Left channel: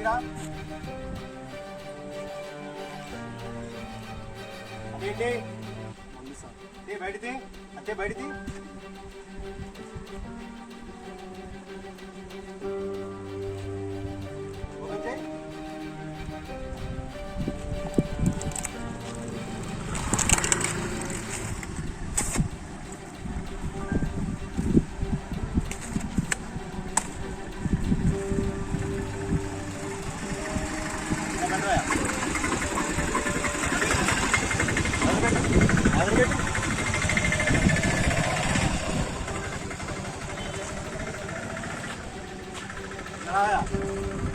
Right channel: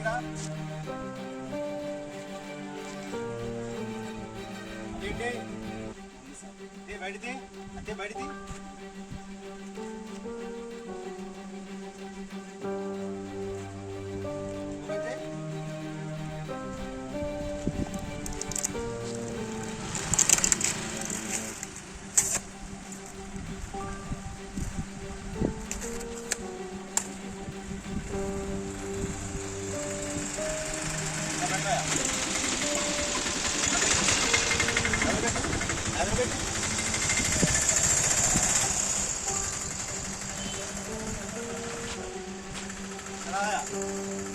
రెడీరా? అదేంటి ఏ బయటిది అంటే బయటిది 아, 야.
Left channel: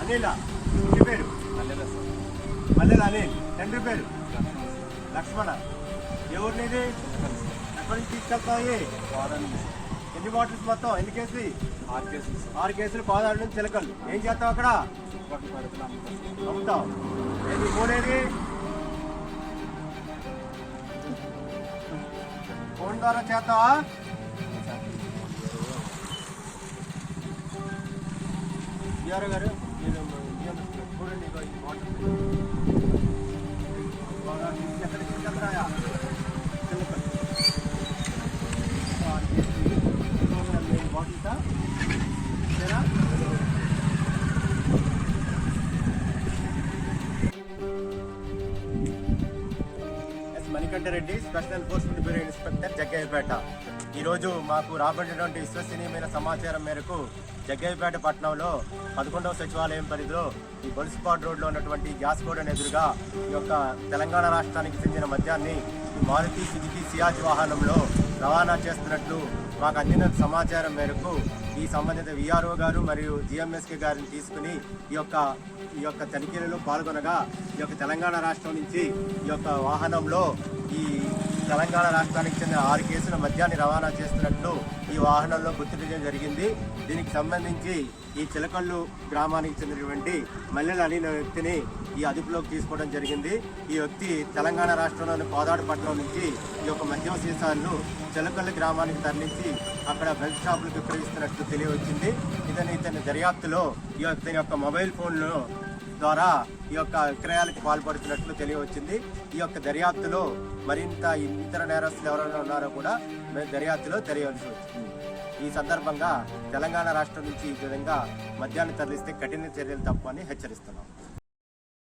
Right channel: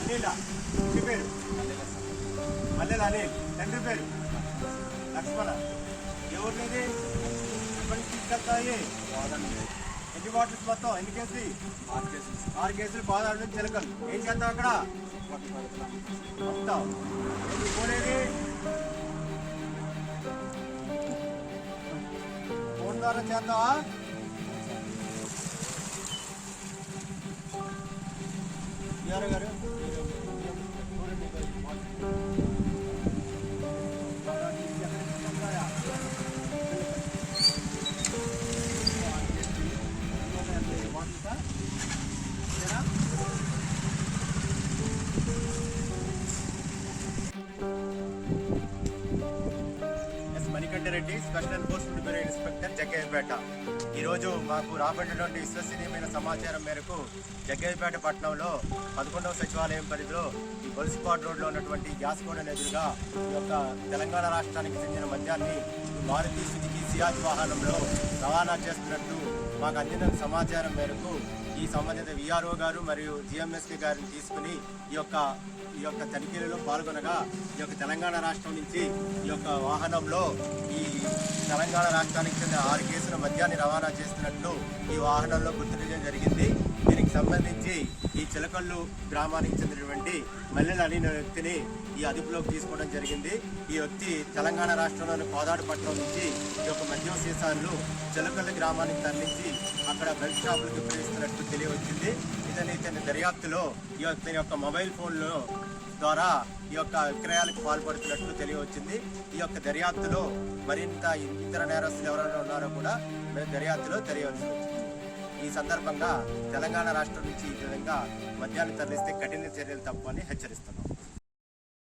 అనిల్ ఇంటి పేరు మల్లెల అనిల్ తండ్రి పేరు లక్ష్మణ ఎవరు నీది ఎక్కడి నుంచి తీసుకెళ్తాయి ఎన్ని బాటిల్స్ మొత్తం ఎన్ని కేసులు ఆరు కేసులు ఆరు కేసులు బాధాడు చిలకలు ఏం చేస్తావు అక్కడ అమ్ముతావు ఏంటి ఏది ఫోన్ ద్వారా చేస్తావా విఆర్ఓ గారు మీరు చూడండి ఇగో ఈ బాటిల్ బాగా తీసి ఎక్కడ తీసుకెళ్తారా చిలకలు బాటిల్సా సరేనా S special enforcement bureau inspector Jaggayyapeta ఈరోజు మాకు రాబడినటువంటి విశ్వసనీయమైన సమాచారం మేరకు జగ్గయ్యపేట పట్టణంలో పదకొండవ సచివాలయం పరిధిలో ఈ బొల్స్పాట్ రోడ్లో ఉన్నటువంటి గ్యాస్ గోడౌన్ ఎదురుగా ఈ యొక్క తెలంగాణ రాష్ట్రానికి చెందిన మద్యాన్ని మారుతి సుజుకి సియాజ్ వాహనంలో రవాణా చేస్తున్నట్లు మాకు అందిన సమాచారం మేరకు ఈ సంబంధిత విఆర్ఓ గారు మరియు జిఎంఎస్కే గారిని తీసుకుని ఈ యొక్క ఈ యొక్క తనిఖీలలో పాల్గొనగా ఈ యొక్క తెలంగాణ రాష్ట్రం నుంచి ఈ యొక్క వాహనంలో ఈ తెలంగాణ రాష్ట్రానికి చెందిన ఆరు కేసుల మద్యాన్ని రవాణా చేస్తున్నట్లు ఈ వాహనంలో గుర్తించడం జరిగింది. దీనికి సంబంధించి ఈ చిలకల్లు గ్రామానికి చెందినటువంటి మల్లెల అనే వ్యక్తిని ఈ అదుపులోకి తీసుకోవడం జరిగింది. ఈ వ్యక్తి తెలంగాణ రాష్ట్రంలోని కోదాడపట్నం నుంచి ఈ యొక్క మద్యం సీసాలను చిలకల్లు గ్రామానికి తరలించి అక్కడ బెల్ట్ షాపులకు విక్రయిస్తున్నట్లు తెలియవచ్చింది. ఇతని ఇతని దర్యాప్తులో ఈ యొక్క యొక్క మొబైల్ ఫోన్లో ద్వారా ఈ యొక్క విక్రయాలకు పాల్పడుతున్నట్లు తెలియవచ్చింది. ఈ యొక్క దర్యాప్తులో మరింత ఇతర నేరస్తులు ఎవరైనా ఉన్నారో కూడా దర్యాప్తులో తెలియవలసి వచ్చింది. ఈ సందర్భంగా తెలంగాణ రాష్ట్రం నుంచి ఈ విధంగా మద్యాన్ని తరలిస్తే కఠిన చర్యలు తప్పని హెచ్చరిస్తున్నాం.